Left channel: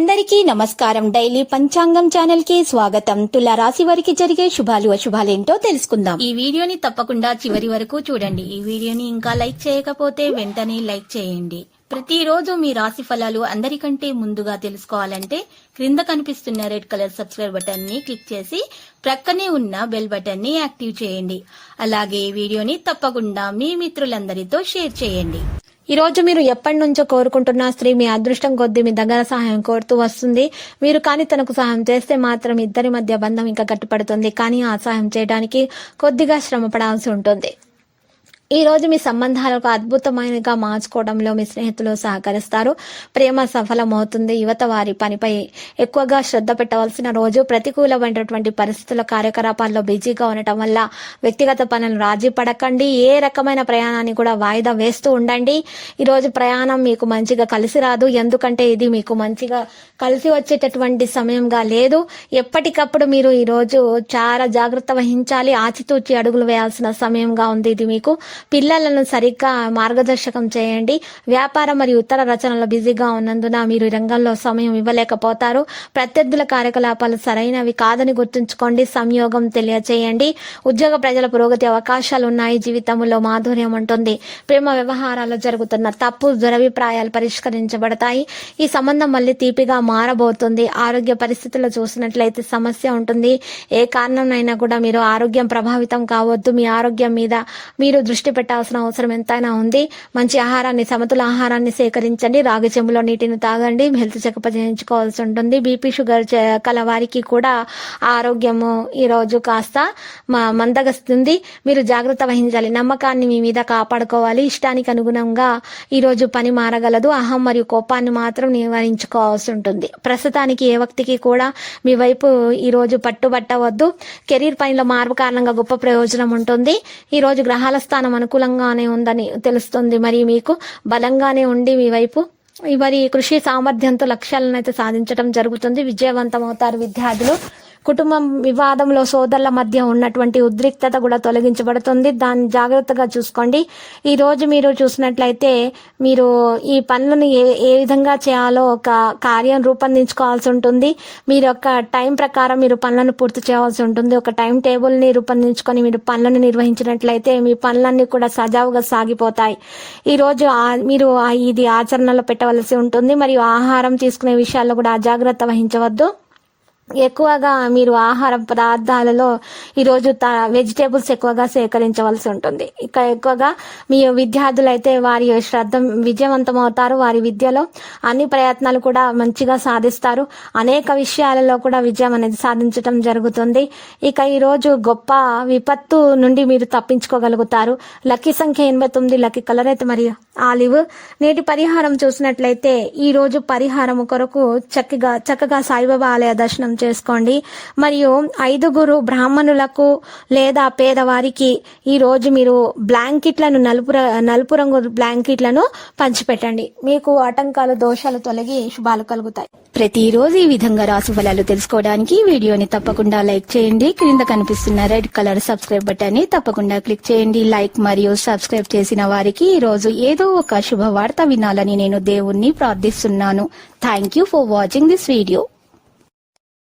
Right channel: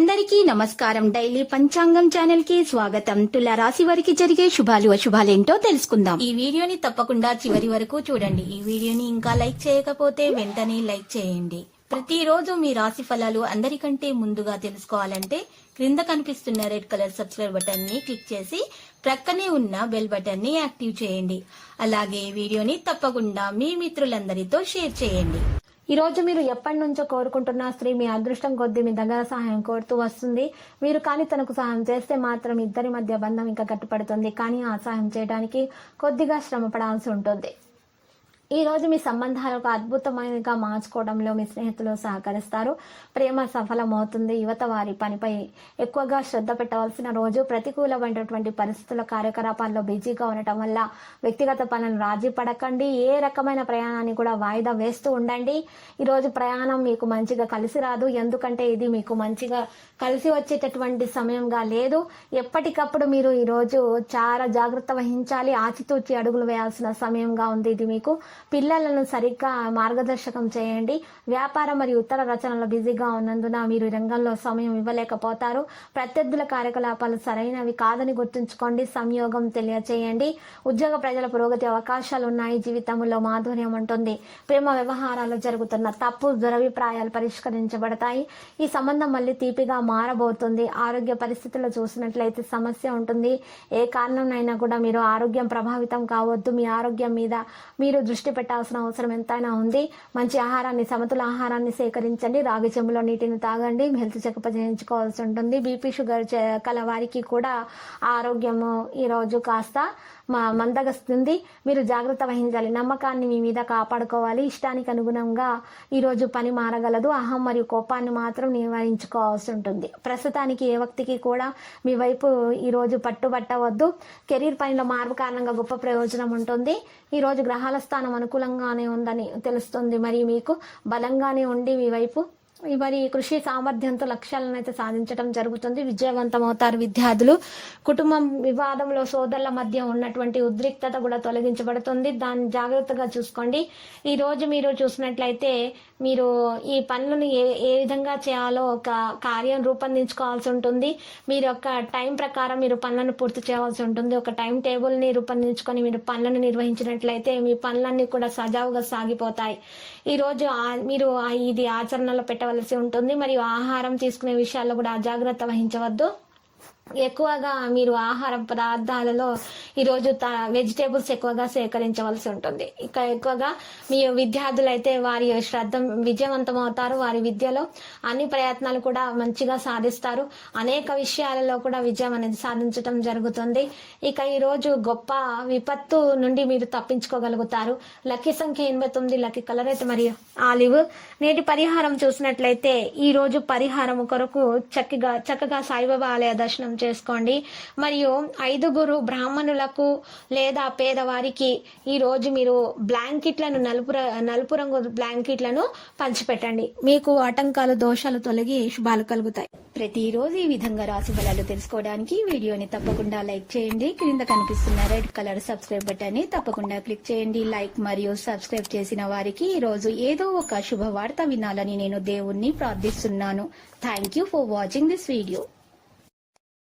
అందరికీ నమస్కారం. డైలీ పంచాంగం ఛానల్ కి స్వాగతం. తుల రాశి వారికి జరిగే శుభాలు అశుభాలేంటో తెలుసుకుందాం. ఈ వీడియోని తప్పకుండా చివరి వరకు చూడండి. ఈ వీడియోని ఇంకా లైక్ చేయకపోతే వెంటనే లైక్ చేయండి. ప్రతిరోజు మీ రాశి ఫలాలు అందరికంటే ముందుగా తెలుసుకోవాలంటే క్రింద కనిపిస్తున్న రెడ్ కలర్ సబ్స్క్రైబ్ బటన్ ని క్లిక్ చేసి ప్రక్కనే ఉన్న బెల్ బటన్ ని యాక్టివ్ చేయండి. అలాగే ఈ వీడియోని తప్పకుండా మీ మిత్రులందరితో షేర్ చేయండి. ఈ రోజు మీరు ఎప్పటి నుంచో కోరుకుంటున్న స్త్రీ మీ అదృష్టం కొద్దీ మీ దగ్గర సహాయం కోరుతూ వస్తుంది. మీరు కానీ తనకు సహాయం చేస్తే మాత్రం ఇద్దరి మధ్య బంధం ఇంకా గట్టిపడుతుంది. కానీ ఆ సహాయం చేయడానికి కొద్దిగా శ్రమ పడాల్సి ఉంటుంది. ఈ రోజు మీ సంబంధాలకు అద్భుతమైనగా మార్చుకోవడంలో మీ స్నేహితులు సహకరిస్తారు. ప్రేమ సఫలమవుతుంది. యువత వారి పనిపై ఎక్కువగా శ్రద్ధ పెట్టవలసిన రోజు. ప్రతికూలమైనటువంటి పరిస్థితుల కార్యకలాపాల్లో బిజీగా ఉండటం వల్ల వ్యక్తిగత పనులను రాజీ పడకండి. ఏ రకమైన ప్రయాణాన్ని కూడా వాయిదా వేస్తూ ఉండండి. ఈరోజు ప్రయాణం మీకు మంచిగా కలిసి రాదు. ఎందుకంటే ఇది మీకు మంచిగా కలిసి వచ్చేటటువంటి సమయంగా లేదు. ఎప్పటికప్పుడు మీరు ఈరోజు చాలా జాగ్రత్త వహించాలి. ఆచితూచి అడుగులు వేయాల్సిన సమయంగా ఉంది ఇది మీకు. పిల్లలను సరిగ్గా మార్గదర్శకం చేయండి. వ్యాపారం మరియు ఇతర రచనలో బిజీగా ఉన్నందున మీరు రంగంలో సమయం ఇవ్వలేకపోతారు. ప్రత్యర్థుల కార్యకలాపాలు సరైనవి కాదని గుర్తుంచుకోండి. సంయోగం తెలియచేయండి. ఉద్యోగ ప్రజల పురోగతి అవకాశాలు ఉన్నాయి. జీవితంలో మాధుర్యం ఉంటుంది. ప్రేమ వ్యవహారాల్లో జరుగుతున్న తప్పు దురభిప్రాయాలు పరిష్కరించబడతాయి. ఈ సంబంధం మళ్ళీ తీపిగా మారబోతుంది. ఆరోగ్య పరిస్థితుల్లో చూసినట్లయితే సమస్య ఉంటుంది. ఏ కారణంనైనా కూడా మీరు ఆరోగ్యం ప్రభావితం కావద్దు. మీ ఆరోగ్యం మీద మీరు దృష్టి పెట్టాల్సిన అవసరం ఎంతైనా ఉంది. మంచి ఆహారాన్ని, సమతుల ఆహారాన్ని సేకరించండి. రాగి చెంబులో నీటిని తాగండి. హెల్త్ చెకప్ చేయించుకోవాల్సి ఉంటుంది. బీపీ షుగర్ కల వారికి కూడా ఆరోగ్యము ఈరోజు కాస్త మందగస్తుంది. మీరు జాగ్రత్త వహించాలి. నమ్మకాన్ని మీ మీద కాపాడుకోవాలి. ఇష్టానికి అనుగుణంగా ఈరోజు పని మారగలదు. అహం మరియు కోపాన్ని మాత్రం నివారించుకోవాల్సి ఉంటుంది. ప్రస్తుతానికి ఏ వ్యక్తికి కూడా మీ వైపు ఈరోజు పట్టుబట్టవద్దు. కెరీర్ పనిలో మార్పు కారణంగా గొప్ప ప్రయోజనం ఉంటుంది. ఈరోజు గ్రహాల స్థానం అనుకూలంగానే ఉందని తెలుస్తుంది. మరి మీకు బలంగానే ఉండి మీ వైపు మరి కృషి సామర్థ్యంతో లక్ష్యాలను అయితే సాధించడం జరుగుతుంది. విజయవంతమవుతారు విద్యార్థులు. కుటుంబం వివాదంలో సోదరుల మధ్య ఉన్నటువంటి ఉద్రిక్తత కూడా తొలగించబడుతుంది. దాన్ని జాగ్రత్తగా చూసుకోండి. ఈ రోజు మీరు చూసినట్లయితే మీరు ఈ పనులను ఏ విధంగా చేయాలో ఒక కార్యం రూపొందించుకోవాల్సి ఉంటుంది. మీరు ఒక టైం ప్రకారం మీరు పనులను పూర్తి చేయాల్సి ఉంటుంది. ఒక టైం టేబుల్ని రూపొందించుకొని మీరు పనులను నిర్వహించినట్లయితే మీ పనులన్నీ కూడా సజావుగా సాగిపోతాయి. ఈరోజు మీరు ఇది ఆచరణలో పెట్టవలసి ఉంటుంది. మరియు ఆహారం తీసుకునే విషయాల్లో కూడా అజాగ్రత్త వహించవద్దు. ఎక్కువగా మీరు ఆహార పదార్థాలలో ఈరోజు వెజిటేబుల్స్ ఎక్కువగా సేకరించవలసి ఉంటుంది. ఇక ఎక్కువగా మీ విద్యార్థులు అయితే వారి శ్రద్ధ విజయవంతమవుతారు. వారి విద్యలో అన్ని ప్రయత్నాలు కూడా మంచిగా సాధిస్తారు. అనేక విషయాలలో కూడా విజయం అనేది సాధించడం జరుగుతుంది. ఇక ఈరోజు గొప్ప విపత్తు నుండి మీరు తప్పించుకోగలుగుతారు. లక్కీ సంఖ్య 89. లక్కీ కలర్ అయితే మరి ఆలివ్. నేటి పరిహారం చూసినట్లయితే ఈ రోజు పరిహారం కొరకు చక్కగా సాయిబాబా ఆలయ దర్శనం చేసుకోండి. మరియు 5 బ్రాహ్మణులకు లేదా పేదవారికి ఈ రోజు మీరు బ్లాంకెట్లను నలుపు రంగు బ్లాంకెట్లను పంచిపెట్టండి. మీకు ఆటంకాలు, దోషాలు తొలగి శుభాలు కలుగుతాయి. ప్రతిరోజు ఈ విధంగా రాశి ఫలాలు తెలుసుకోవడానికి వీడియోని తప్పకుండా లైక్ చేయండి. క్రింద కనిపిస్తున్న రెడ్ కలర్ సబ్స్క్రైబ్ బటన్ ని తప్పకుండా క్లిక్ చేయండి. లైక్ మరియు సబ్స్క్రైబ్ చేసిన వారికి ఈ రోజు ఏదో ఒక శుభవార్త వినాలని నేను దేవుణ్ణి ప్రార్థిస్తున్నాను. Thank you for watching this video.